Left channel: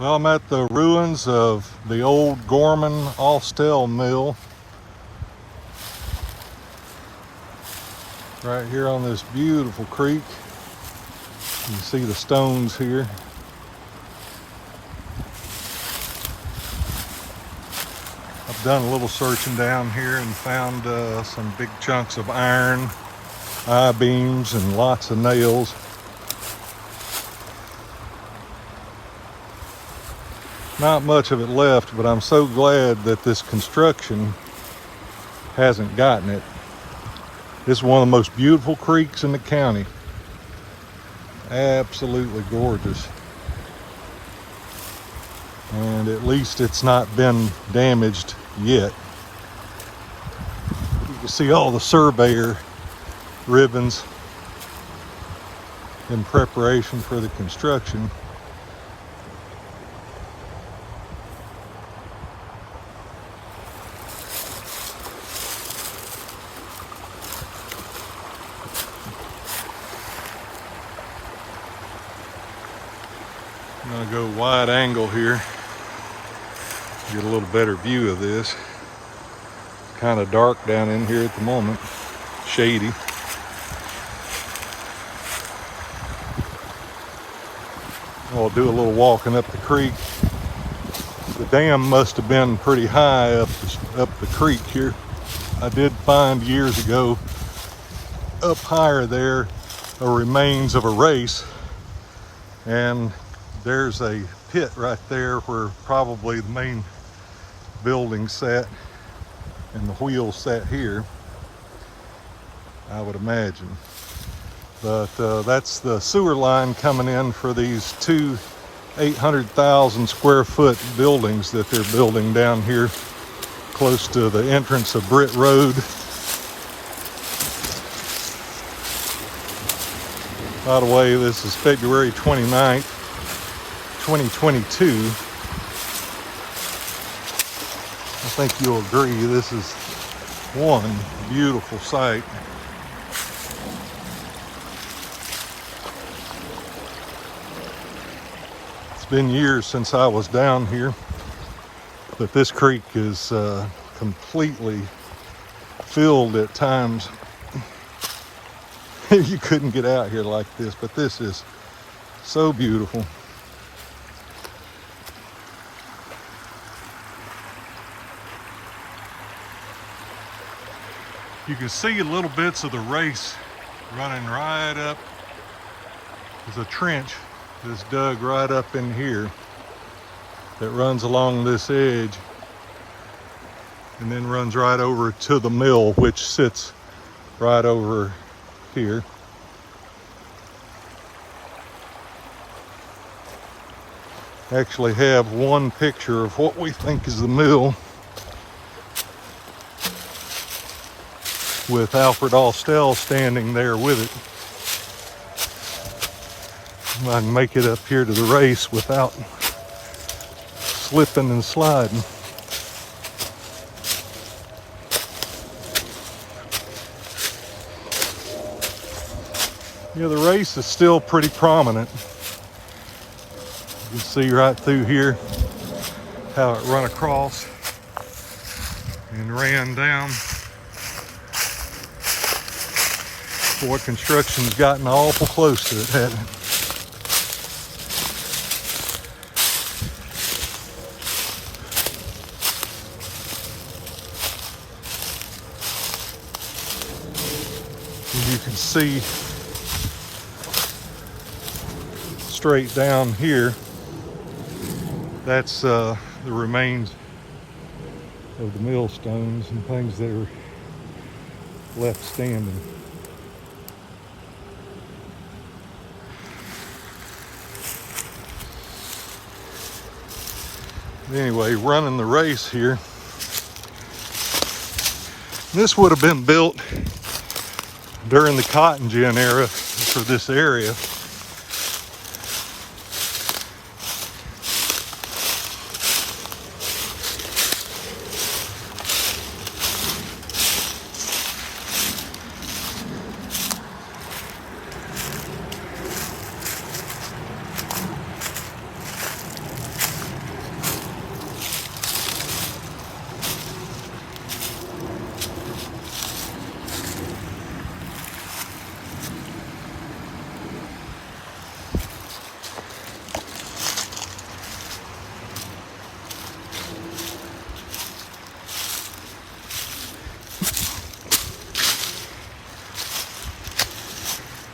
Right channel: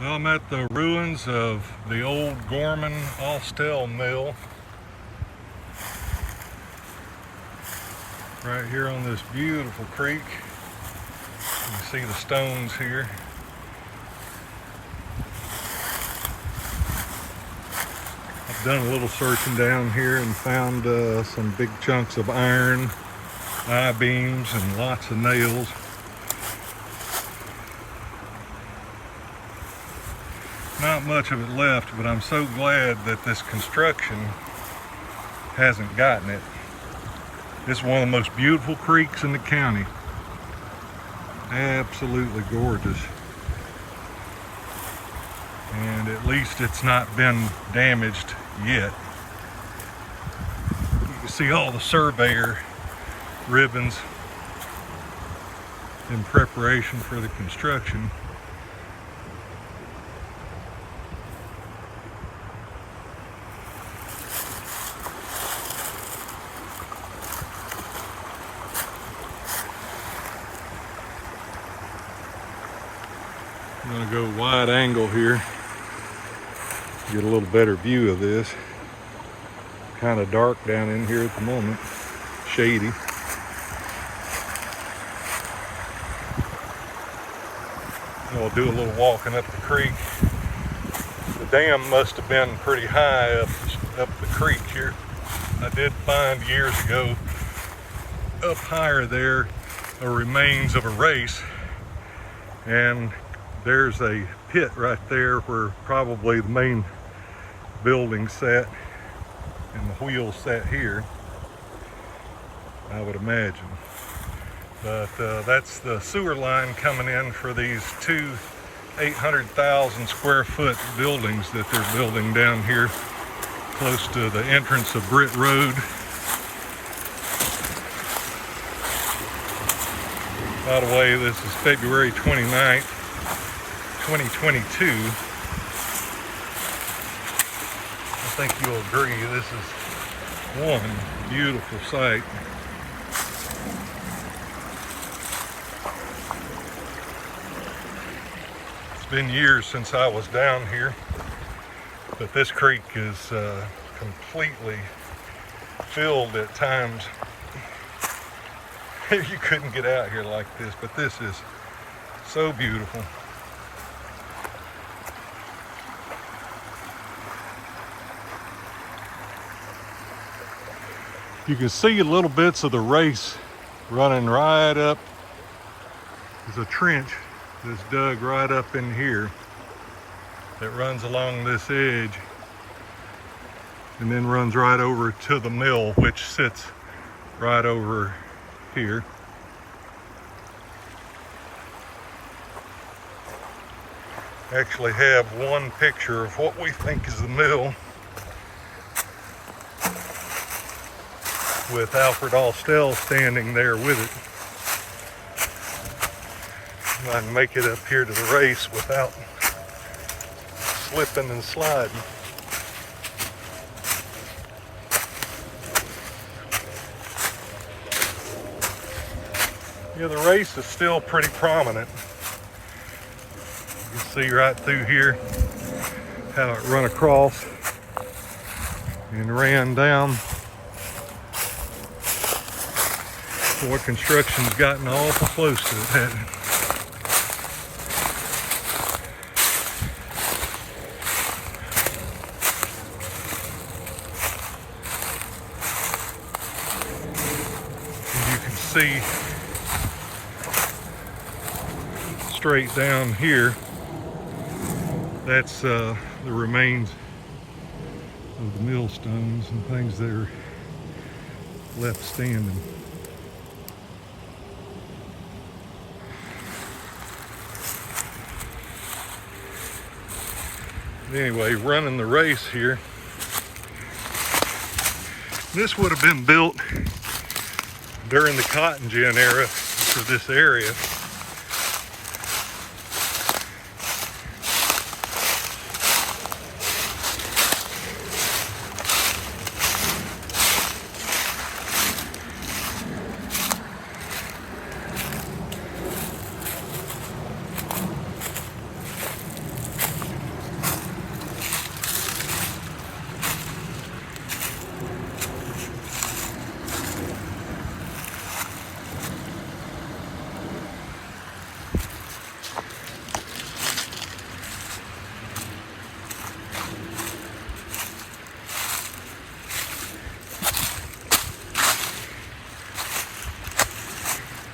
Well, I'm at the ruins of the old Gorman Austell mill. Right here on this beautiful creek. You can see the stones here. I've done a little searching down here and found some big chunks of iron, I-beams, and lots of nails. Not much of it left, but I'm so glad that this construction hasn't gotten it. This is one of the most beautiful creeks in the county. Absolutely gorgeous. And at least it's not been damaged yet. You can see all the surveyor ribbons in preparation for the construction. I'm going to go wide angle here, get a little better view of this. Kind of dark down in here at the moment, shady. I'll do a little walking up the creek. The dam must have been pretty high up the creek here. I did find years ago up higher there a remains of a race, and there's a pit right there where probably the main building sat and the wheels sat here, I would imagine. But that's the sewer line coming in for these two 800,000 square foot buildings that they're building down here close to the entrance of Britt Road. By the way, this is February 29th. 2022. I think you'll agree this is one beautiful sight. It's been years since I was down here, but this creek is completely filled at times. You couldn't get out here like this, but this is so beautiful. You can see little bits of the race running right up. There's a trench that's dug right up in here that runs along this edge and then runs right over to the mill, which sits right over here. Actually have one picture of what we think is the mill, with Alfred Austell standing there with it. I can make it up here to the race without slipping and sliding. Yeah, the race is still pretty prominent. You can see right through here how it run across and ran down. Boy, construction's gotten awful close to it, hasn't it? And you can see straight down here, that's the remains of the millstones and things that are left standing. Anyway, running the race here. This would have been built during the cotton gin era for this area.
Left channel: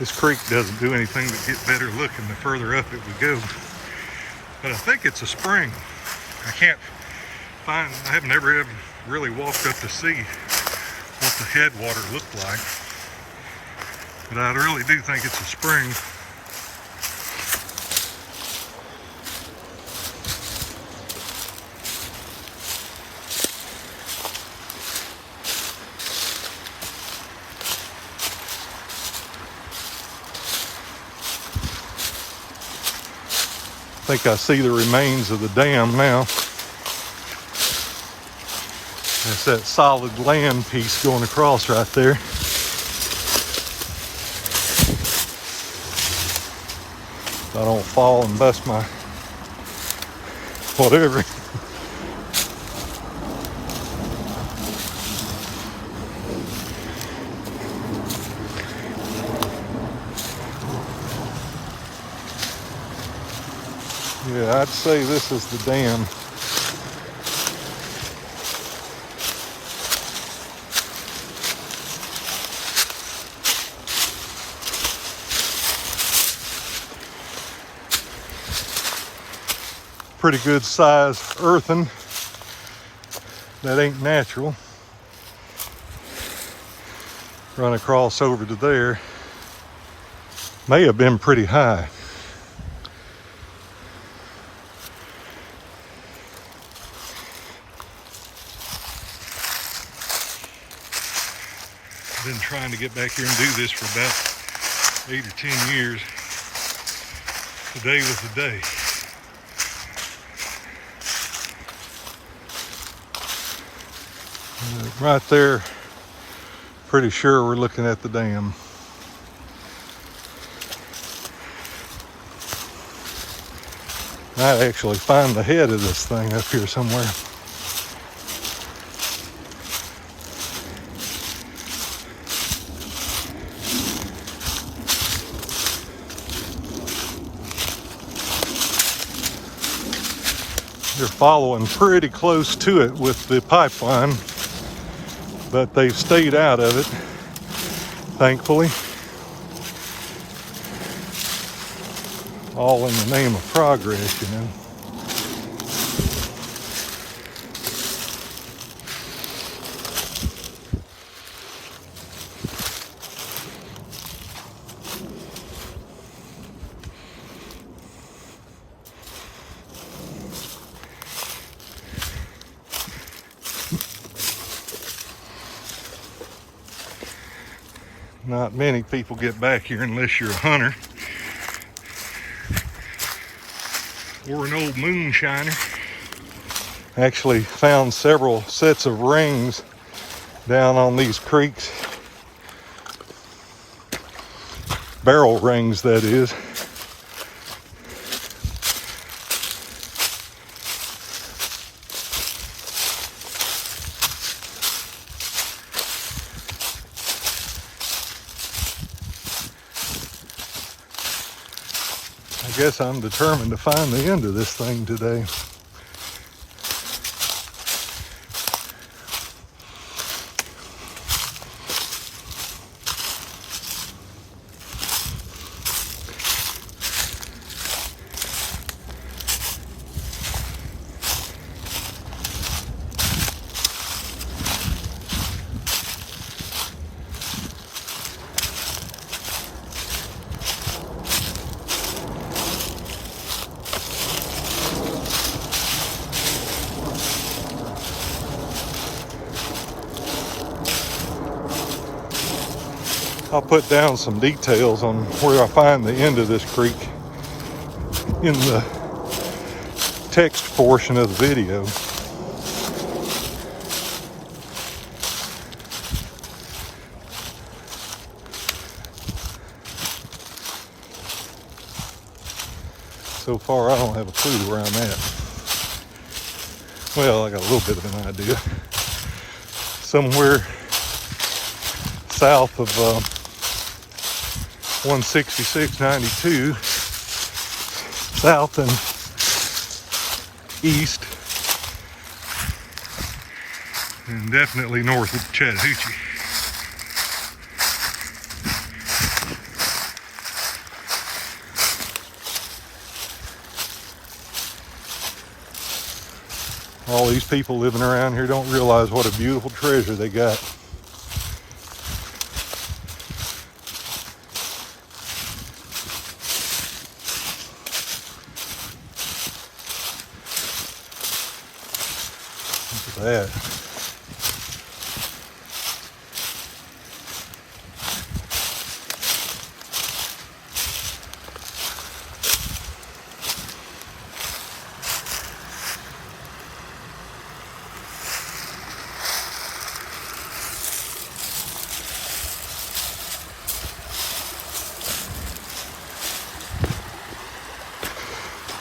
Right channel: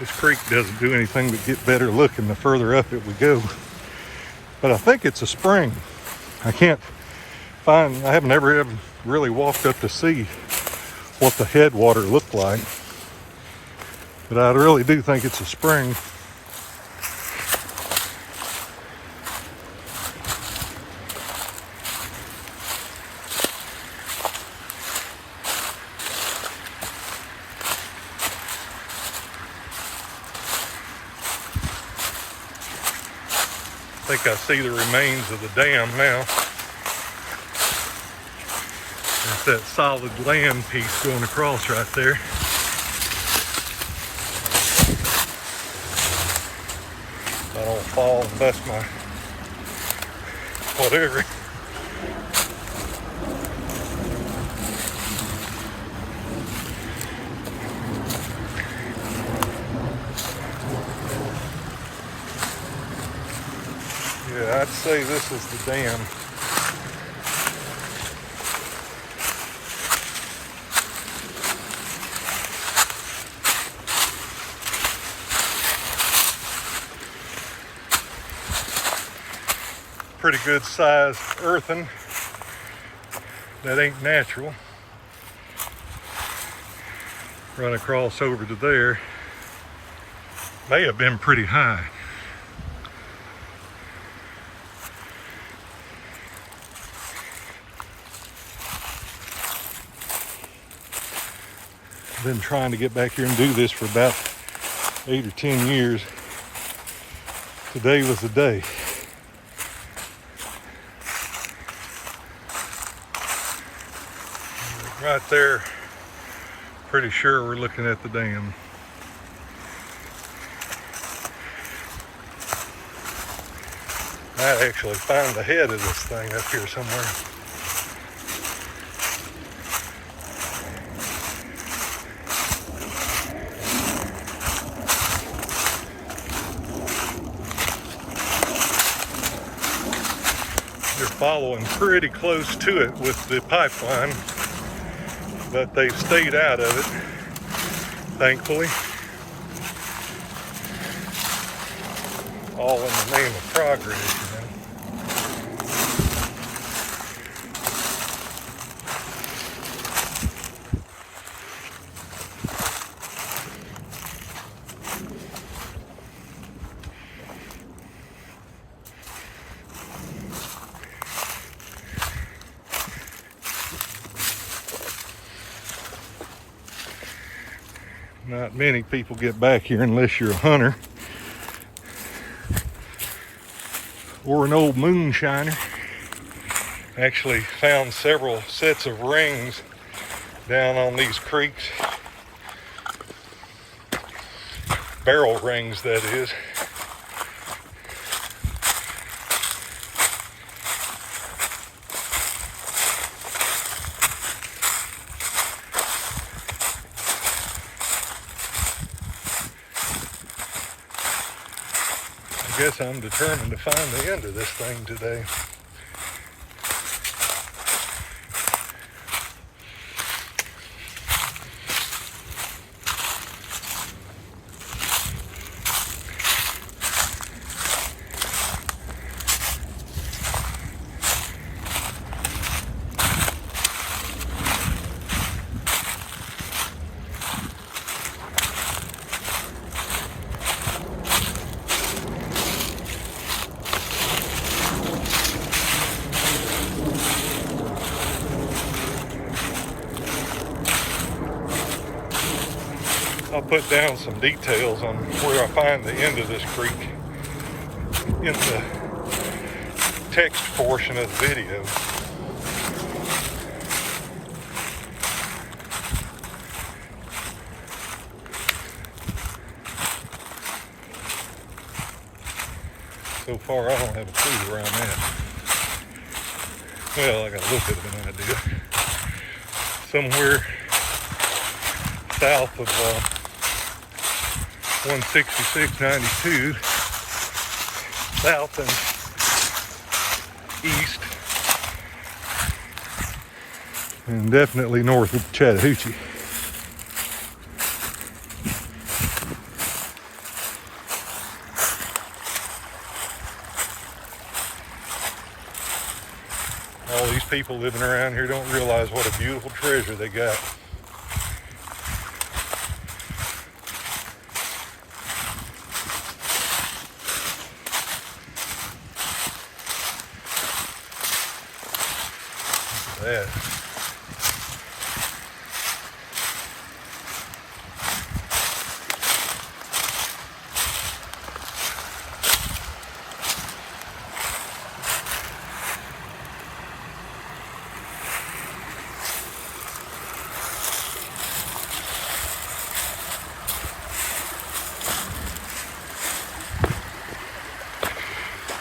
This creek doesn't do anything but get better looking the further up it we go. But I think it's a spring. I haven't ever really walked up to see what the headwater looked like. But I really do think it's a spring. I think I see the remains of the dam now. There's that solid land piece going across right there. I don't fall and bust my whatever. Yeah, I'd say this is the dam. Pretty good size earthen. That ain't natural. Run across over to there. May have been pretty high. Been trying to get back here and do this for about 8 or 10 years. Today was the day. Right there, pretty sure we're looking at the dam. Might actually find the head of this thing up here somewhere. They're following pretty close to it with the pipeline, but they've stayed out of it, thankfully. All in the name of progress, you know. Not many people get back here unless you're a hunter or an old moonshiner. Actually found several sets of rings down on these creeks. Barrel rings, that is. I guess I'm determined to find the end of this thing today. I'll put down some details on where I find the end of this creek in the text portion of the video. So far, I don't have a clue around that. Well, I got a little bit of an idea. Somewhere south of 166.92, south and east, and definitely north of Chattahoochee. All these people living around here don't realize what a beautiful treasure they got. Look at that.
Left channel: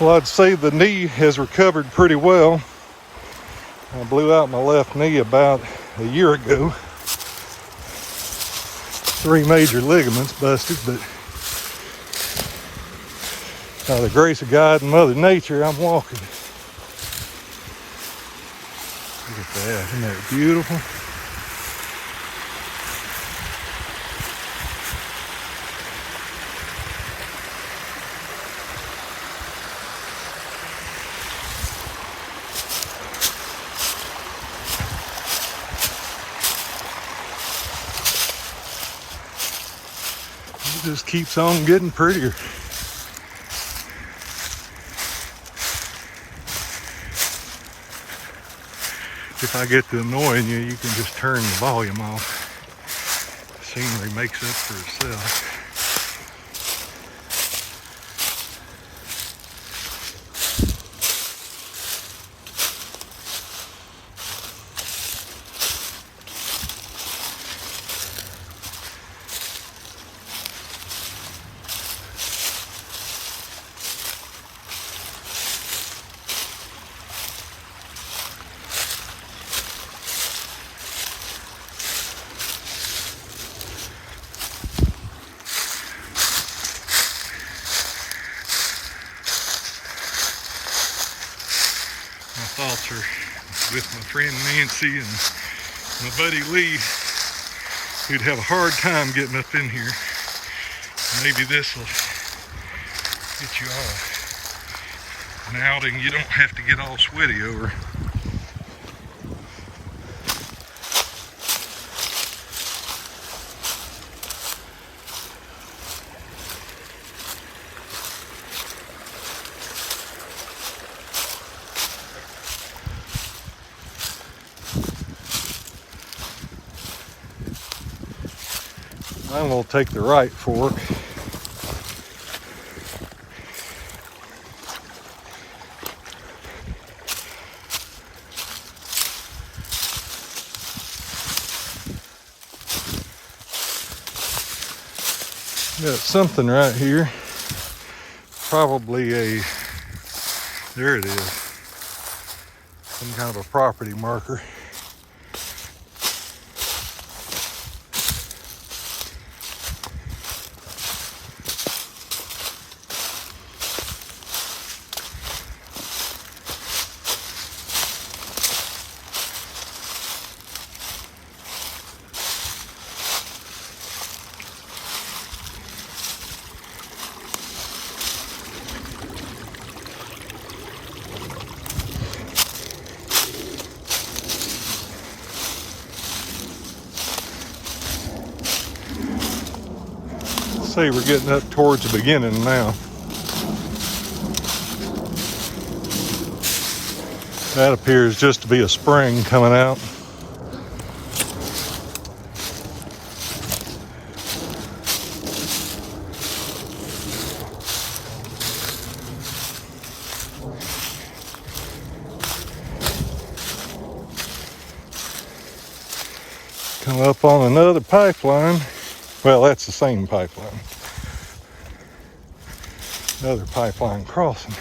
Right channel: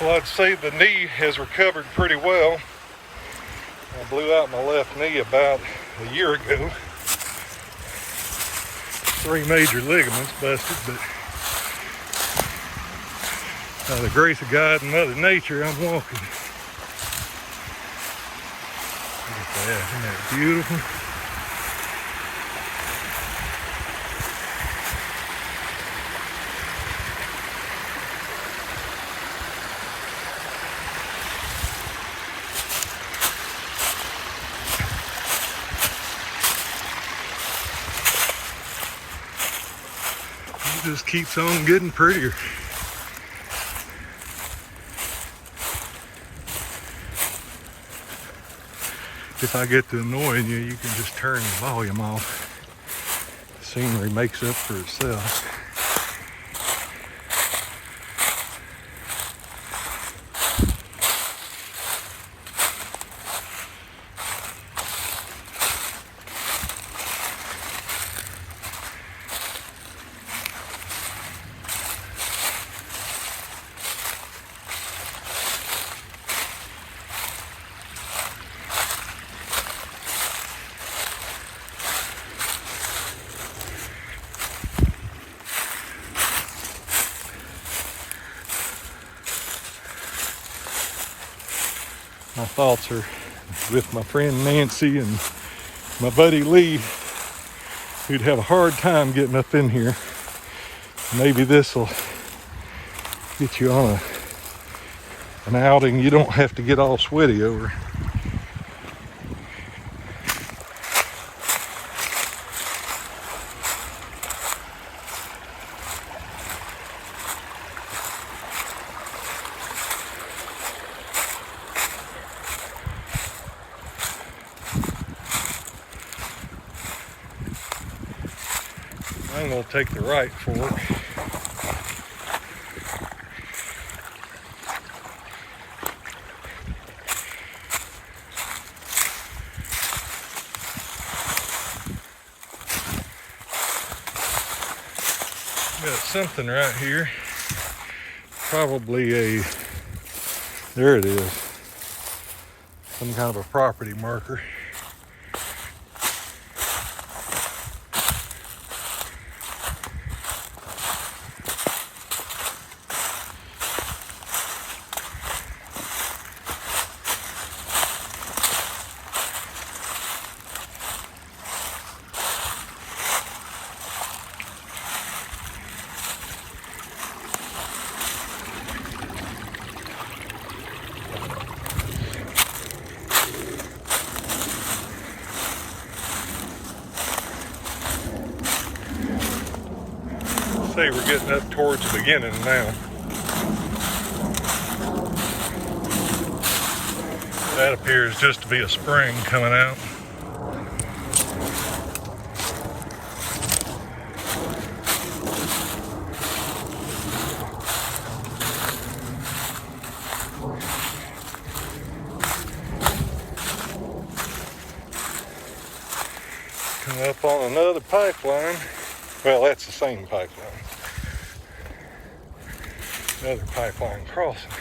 Well, I'd say the knee has recovered pretty well. I blew out my left knee about a year ago. 3 major ligaments busted, but by the grace of God and Mother Nature, I'm walking. Look at that, isn't that beautiful? It just keeps on getting prettier. If I get to annoying you, you can just turn the volume off. The scenery makes up for itself. My thoughts are with my friend Nancy and my buddy Lee, who'd have a hard time getting up in here. Maybe this will get you on an outing you don't have to get all sweaty over. I'm going to take the right fork. Got something right here. Probably there it is. Some kind of a property marker. Say we're getting up towards the beginning now. That appears just to be a spring coming out. Come up on another pipeline. Well, that's the same pipeline. Another pipeline crossing.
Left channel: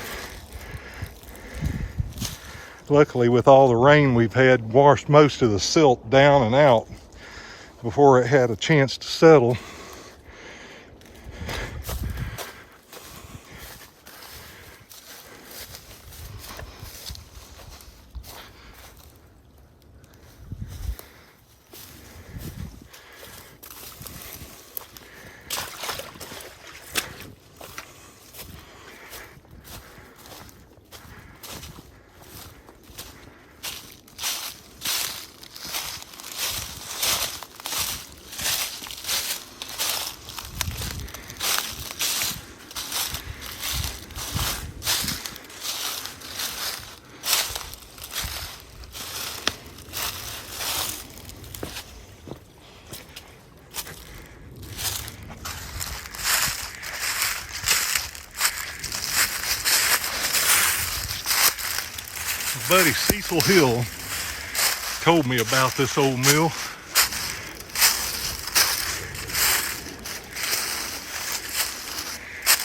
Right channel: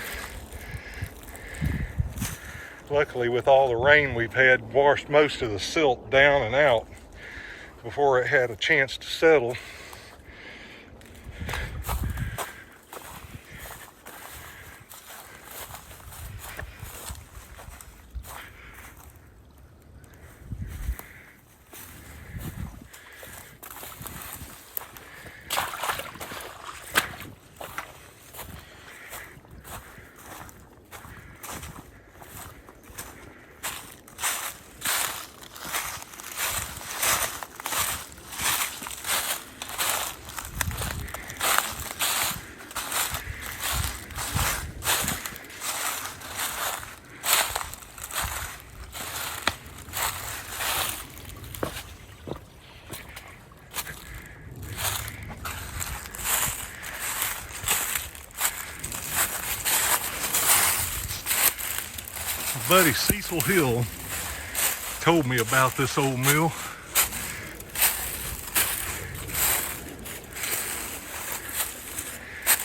Luckily, with all the rain we've had, washed most of the silt down and out before it had a chance to settle. My buddy Cecil Hill told me about this old mill.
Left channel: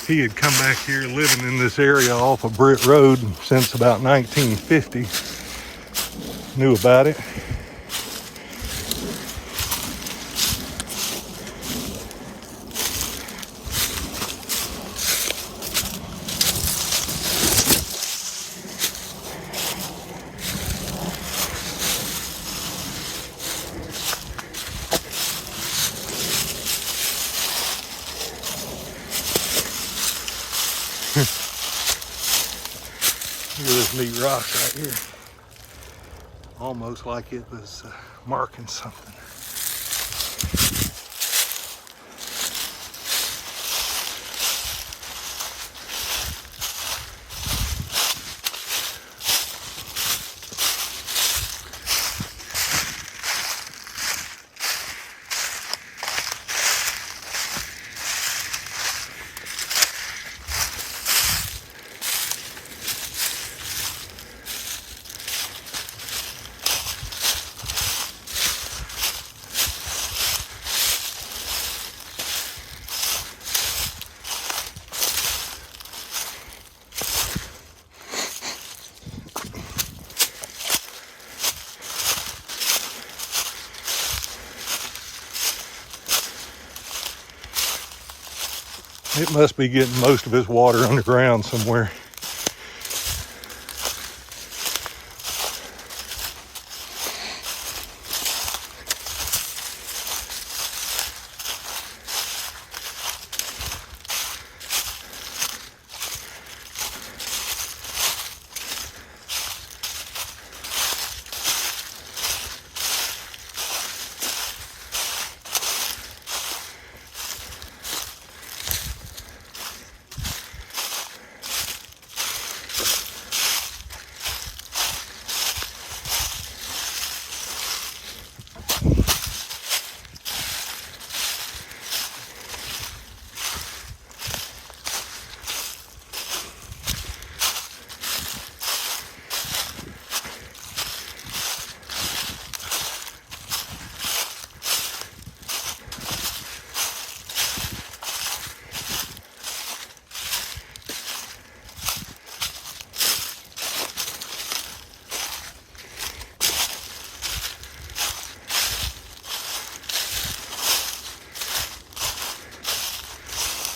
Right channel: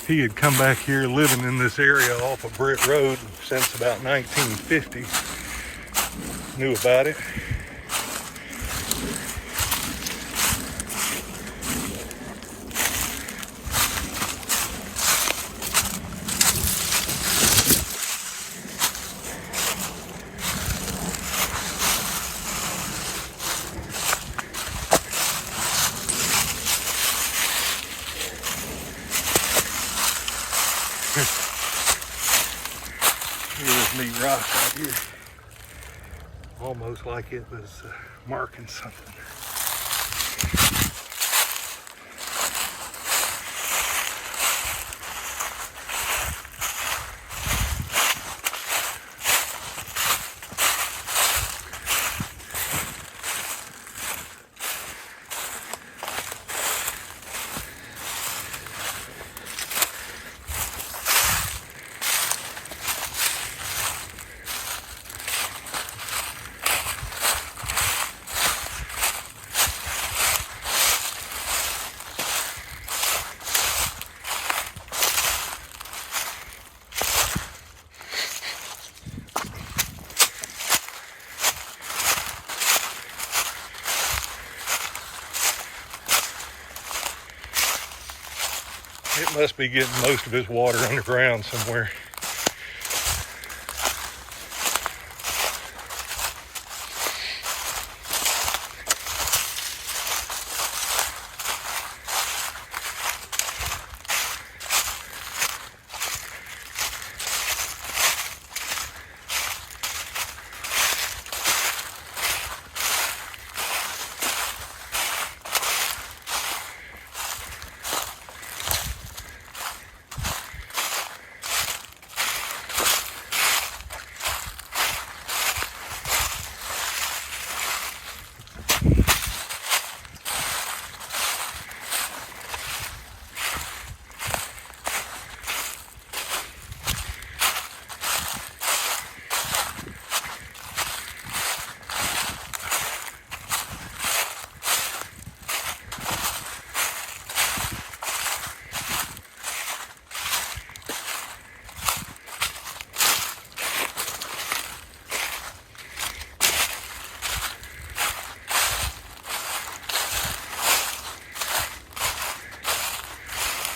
He had come back here living in this area off of Britt Road since about 1950. Knew about it. Look at this neat rock right here. Almost like it was marking something. It must be getting most of its water underground somewhere.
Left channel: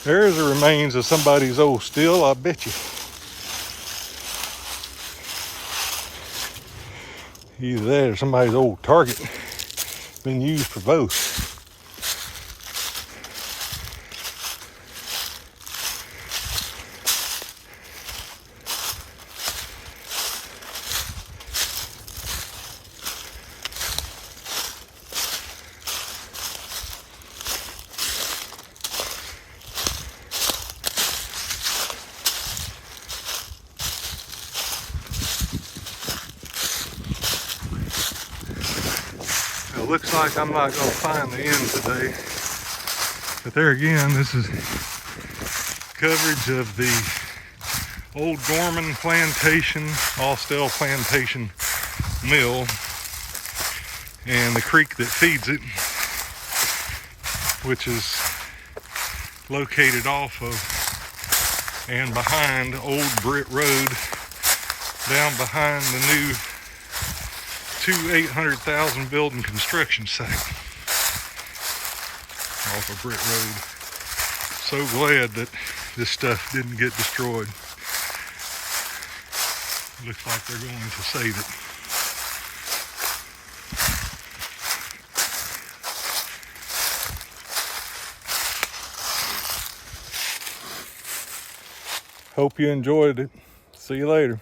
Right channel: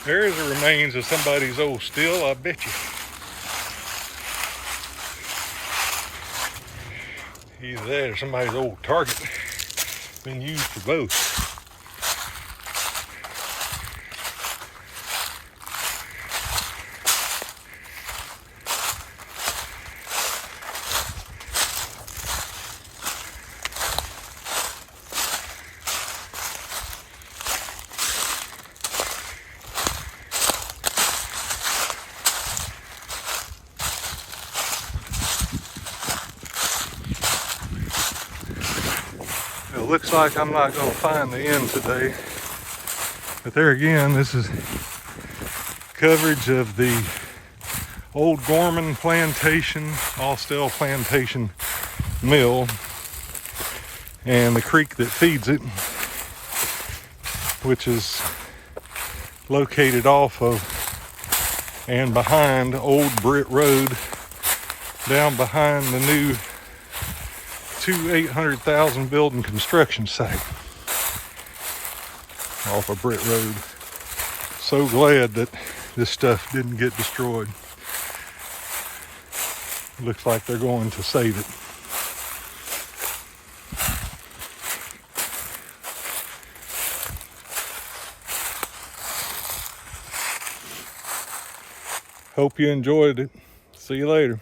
There's the remains of somebody's old still, I bet you. Either that or somebody's old target. Been used for both. It looks like I'm not going to find the end today. But there again, this is coverage of the old Gorman plantation, Austell plantation mill, and the creek that feeds it, which is located off of and behind Old Britt Road, down behind the new 800,000 building construction site off of Britt Road. So glad that this stuff didn't get destroyed. Looks like they're going to save it. Hope you enjoyed it. See you later.